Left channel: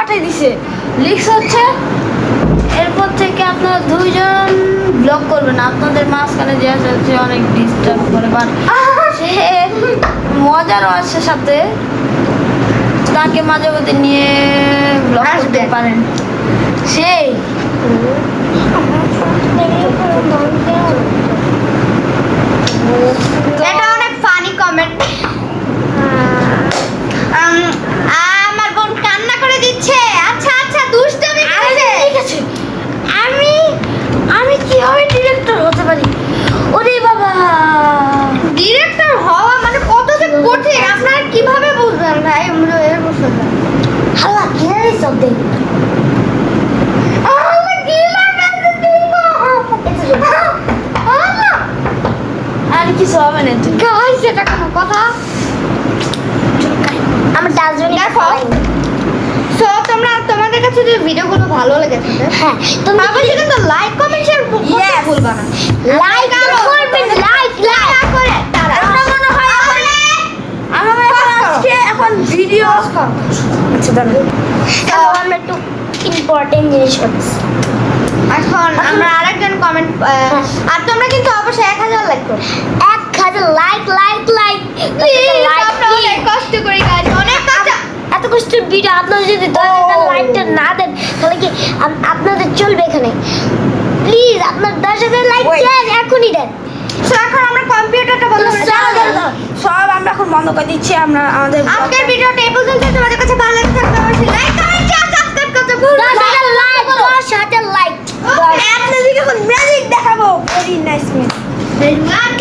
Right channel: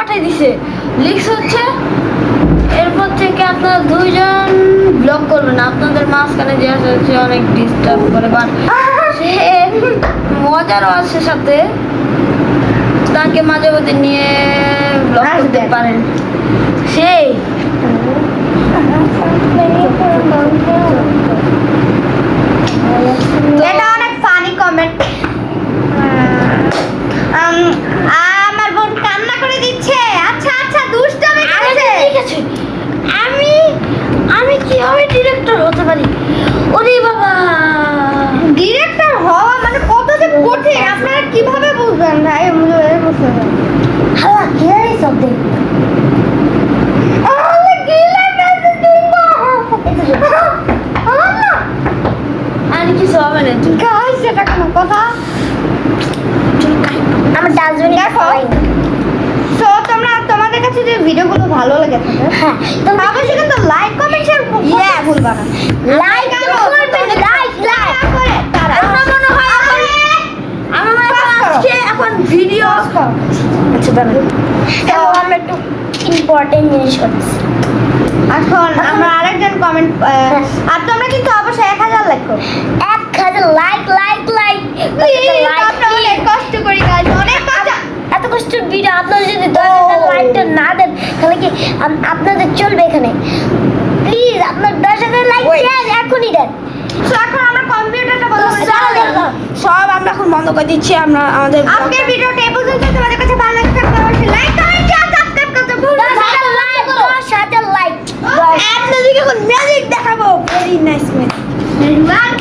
পাঠিয়ে দিছে, লিখস হচ্ছে এরপর থেকে আপনারা দুইজন ব্লগ করবেন, আপনাদের মাঝখানে যে আছে সে অনেক ডিস্টার্ব করে, বাট সে মজারও আছে সাথে, তাকে মাঝে মধ্যে নিয়ে ব্লগ করতে পারেন। সেই এটা অনেক ফানি কমেন্ট। আমার বোন কান্না করে দিচ্ছে। আচ্ছা আচ্ছা দুষ্টামি করেছে। ঠিক আছে, আমি আমি কিভাবে ডিরেক্টর হতে পারি? ওরে বাবা, ডিরেক্টর হওয়া মানে কত যে কঠিন আপনারা কিভাবে বুঝবেন ভাই? আমরা এরকম হালা কিভাবে সব দেখ আর কিছু হবে না। তুমি গাইস এটা কোন কথা? আমার ডাস্টবিন দেখো সো তোমরা তোমাদের কাছে যে ভিডিওগুলো ভালো লেগে থাকে হ্যাঁ তুমি অবশ্যই কিন্তু লাইক কমেন্ট শেয়ার করতে Yes. ভুলবা না। লাইক করবেন, লাইক করে তারা আমার মনে হয় আজকে এখন ভিডিও আচ্ছা দাঁড়ান, হ্যালো আমরা একটু ইম্পর্টেন্ট জিনিস করছি। এখন আমরা আরেকজন কমেন্ট আর তোমরা কিন্তু অবশ্যই 1000 লাইক করো। 1000 লাইক লাইক লাইক লাইক আমরা অনেক কষ্ট করি গাইস, অনেক কষ্ট। এত কষ্টের ভিডিও আপনারা যদি 10,000 লাইকটা না দেন তাহলে কি আপনাদের চলবে এখানে? প্লিজ আপনার 10,000 লাইক দেন, এখনই দেন। So, এখন আমরা কম্পিউটারটা বন্ধ করে সব আমরা এখন বন্ধ করে দিচ্ছি। আমরা আমাদের আজকের ভিডিওটা এই পর্যন্ত। তোমাদের কাছে ভালো লাগে থাকলে অবশ্যই লাইক কমেন্ট শেয়ার সাবস্ক্রাইব করতে ভুলবেন না। 10,000 লাইক আপনাদেরকে এখন ম্যাজিক দেখাবো। Very nice magic. লাইক